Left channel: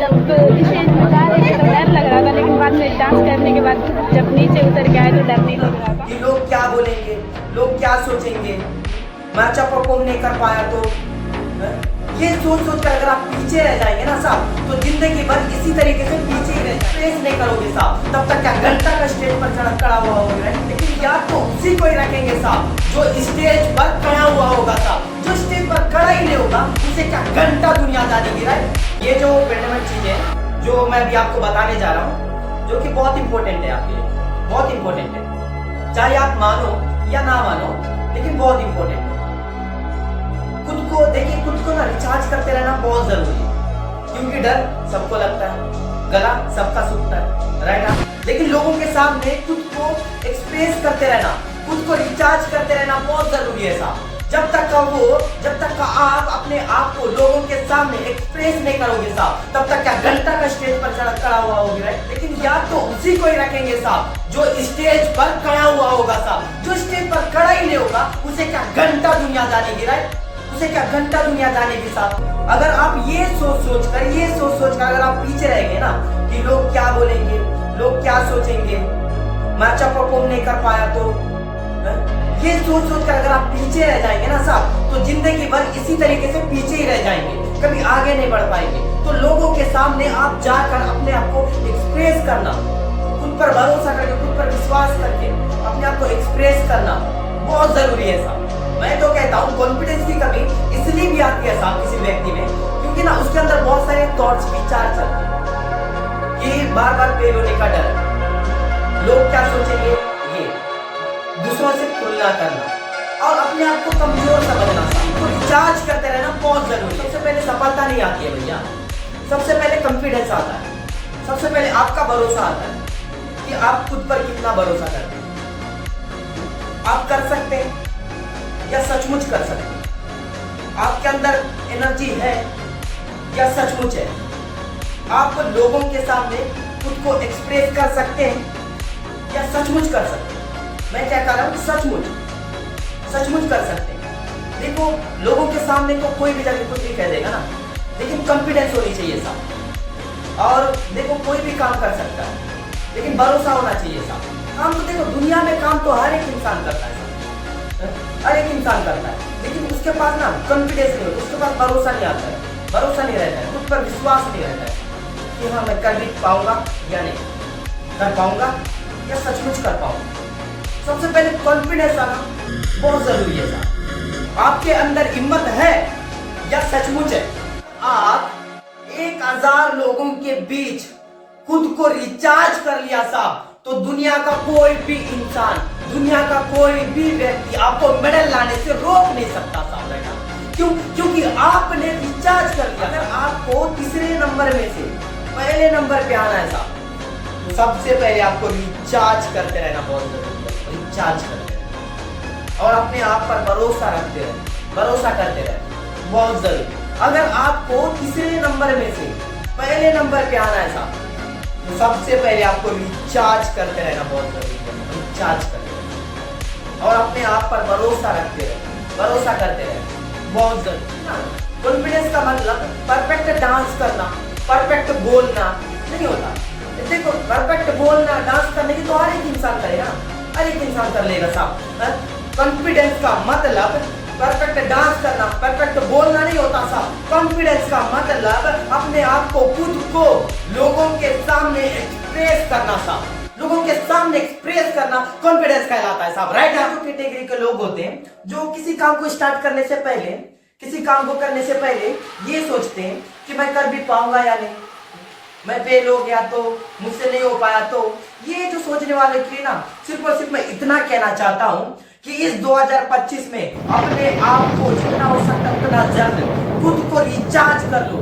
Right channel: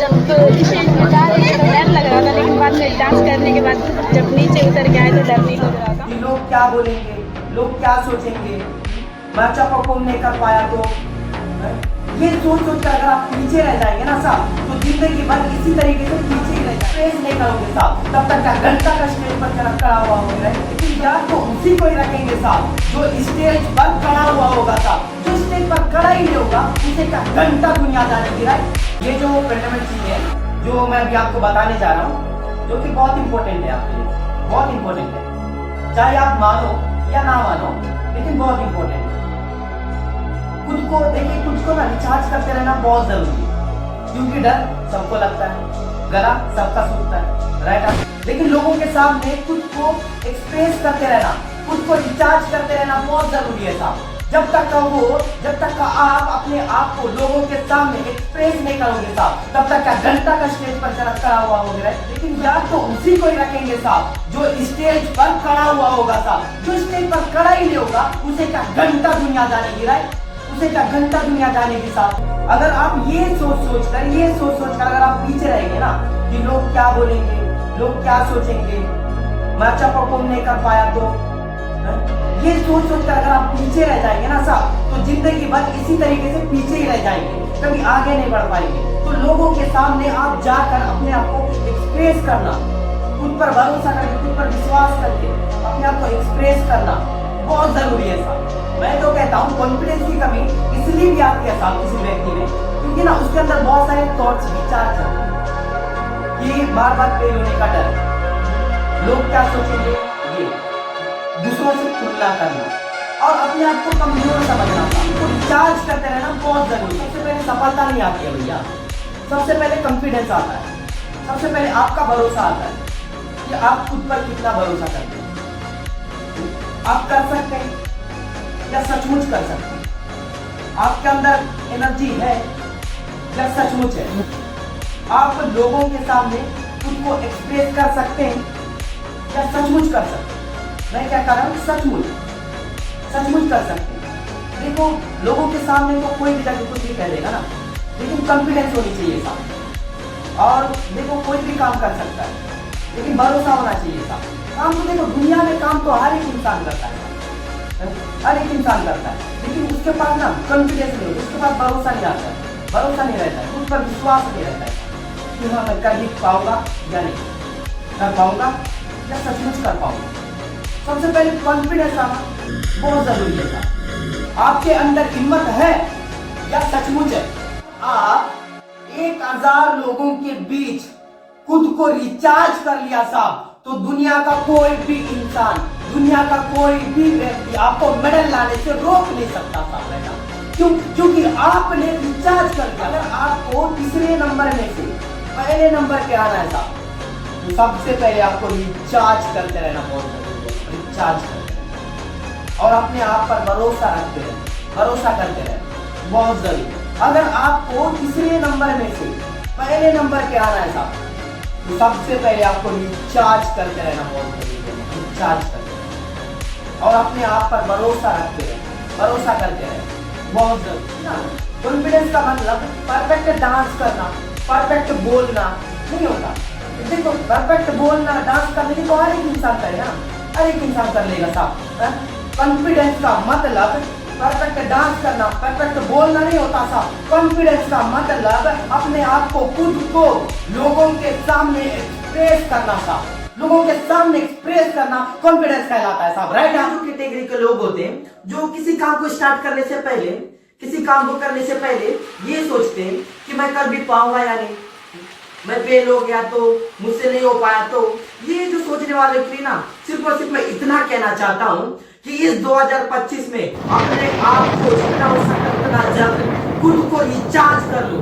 जब स्टेज पे जा रहे थे तो डर लग रहा था, लेकिन बाद में डांस करने के बाद जब नीचे उतर के आए तो डर नहीं लग रहा था। कि लोग क्या बोलेंगे, लोग क्या सोचेंगे, मैं अच्छा परफॉर्म नहीं कर पाया तो ये सोच सोच कर अगर आप पीछे रह जाएंगे ना साहब, तो जिंदगी भर इसी तरीके से पीछे ही रह जाएंगे, फेस नहीं करोगे साहब, तब तक क्या घंटा का स्टेज पर खड़ा हुआ होगा। लेकिन याद तो उसी को ही रखेंगे साहब जो स्टेज पर खड़ा हुआ होगा साहब, जो स्टेज पर खड़ा ही नहीं होगा उसे क्या घंटा दुनियादारी की है। ये जो फंडामेंटल चीज है जो मैं अभी आपको बताने जा रहा हूँ, जो कि बहुत इंपॉर्टेंट है आपके लिए, बहुत इंपॉर्टेंट है, चाहे आप मानो या ना मानो, लेकिन बहुत इंपॉर्टेंट है। खुद को देखिए, खुद को ना रिचार्ज करते रहना बहुत जरूरी है, क्योंकि डर सबको लगता है, गला सबका सूखता है, राइट। लेकिन लोगों के सामने खुद को एक्सप्रेस करते रहना, खुद को रिचार्ज करते रहना बहुत जरूरी है साहब। जब तक का आप अपने आप को लोगों के सामने एक्सप्रेस नहीं करोगे साहब, तब तक क्या घंटा का स्टेज पर खड़ा हुआ होगा। लेकिन याद तो उसी को ही रखेंगे साहब जो स्टेज पर खड़ा हुआ होगा साहब, जो स्टेज पर खड़ा ही नहीं होगा उसे क्या घंटा दुनियादारी की, राइट, उसे क्या घंटा दुनिया जानेगी साहब। अगर आप ये सोच कर अगर आप पीछे रहेंगे ना कि लोग क्या बोलेंगे, लोग क्या सोचेंगे, मैं अच्छा परफॉर्म नहीं कर पाया तो ये सोच कर अगर आप पीछे रह जाएंगे ना साहब, तो जिंदगी भर इसी तरीके से पीछे ही रह जाएंगे, कभी आगे नहीं बढ़ पाएंगे। तो लोगों के सामने आप जाकर अपने आप को एक्सप्रेस करना, खुद पर भरोसा करके, खुद पर विश्वास करके अपने आप को एक्सप्रेस करना बहुत जरूरी है साहब। मैं तो कहता हूँ कॉन्फिडेंस की कमी इसलिए भी आती है साहब किसी व्यक्ति में, क्योंकि ना उसके अंदर बहुत सारे थॉट्स, विचार चलते हैं कि बार बार फेल होने का डर, लोग क्या सोचेंगे, ये दूसरों से तुलना करना और अपने आप को कमजोर समझना। तो रिचार्ज करते रहना बहुत जरूरी है। सबसे पहले सफलता नहीं आती है भैया, सबसे पहले कॉन्फिडेंस आता है, सबसे पहले आपका भरोसा आता है कि आप खुद पर कितना भरोसा करते हैं, आप कर सकते हैं या सचमुच कर सकते हैं, आपके अंदर एनर्जी है या सचमुच है, आप लोगों के सामने खुद को एक्सप्रेस कर सकते हैं या सचमुच कर सकते हैं। मैं क्या कह रहा हूँ, सचमुच कर सकते हैं। देखो, लोगों के सामने को कोई भी जाके कुछ भी कह देगा ना, लेकिन कॉन्फिडेंस होनी चाहिए साहब। और देखो, कोई भी काम कर सकता है, लेकिन भरोसा होना चाहिए साहब। काम तो देखो, दुनिया में काम तो हर एक इंसान करता है, हर एक इंसान करता है, लेकिन उसके पास ना कॉन्फिडेंस नहीं, उसके पास भरोसा नहीं आता है, भरोसा नहीं रहता है, खुद पर विश्वास नहीं रहता है कि हाँ मैं कर भी पाऊंगा या नहीं, कर पाऊंगा या सचमुच कर पाऊंगा। सबसे पहले कॉन्फिडेंस आना बहुत जरूरी है साहब। आपके अंदर हिम्मत है या सचमुच है, आप 1000 लोगों के बीच खुद को रिचार्ज कर लिया साहब, तो दुनिया का कोई भी इंसान, दुनिया का कोई भी व्यक्ति आपको मेडल लाने से रोक नहीं सकता साहब, बेटा। क्यों? क्योंकि आपने रिचार्ज कर दिया। अगर आपको तीसरे नंबर में से पहले नंबर पे आना है साहब, तो सबसे पहले आपको रिचार्ज करते रहना बहुत जरूरी है, रिचार्ज करते रहना और अपने आप पर भरोसा रखते रहना, भरोसा करते रहना बहुत जरूरी। अगर आपको तीसरे नंबर में से पहले नंबर पे आना है साहब, तो सबसे पहले आपको रिचार्ज करते रहना बहुत जरूरी है, रिचार्ज करते रहना और अपने आप पर भरोसा रखते रहना, भरोसा करते रहना बहुत जरूरी है। कॉन्फिडेंस का मतलब परफेक्ट डांस करना, परफेक्ट बोलना नहीं होता। देखो, परफेक्ट बोलना, डांस करने की तो हर एक इंसान करेगा, हर एक इंसान कर लेगा साहब। कॉन्फिडेंस का मतलब परफेक्ट डांस करना, परफेक्ट बोलना नहीं होता साहब। कॉन्फिडेंस का मतलब अपने आप को, खुद को लोगों के सामने एक्सप्रेस करना साहब, लोगों के सामने एक्सप्रेस करना कॉन्फिडेंस कहलाता है साहब, राइट। कैटेगरी के लोग होते हैं जो किसी काम को स्टार्ट करने से पहले, किसी काम को करने से पहले ये सोचते हैं कि मैं कर भी पाऊंगा या नहीं, मैं फेल हो गया तो, मुझसे नहीं हो पाया तो। ये जो सोचने वाले के लिए ना सिर्फ और सिर्फ मैं इतना कहना चाहता हूँ कि इस 2025 में अपने आप को जितना हो सकता उतना जल्द खुद को रिचार्ज कर लो।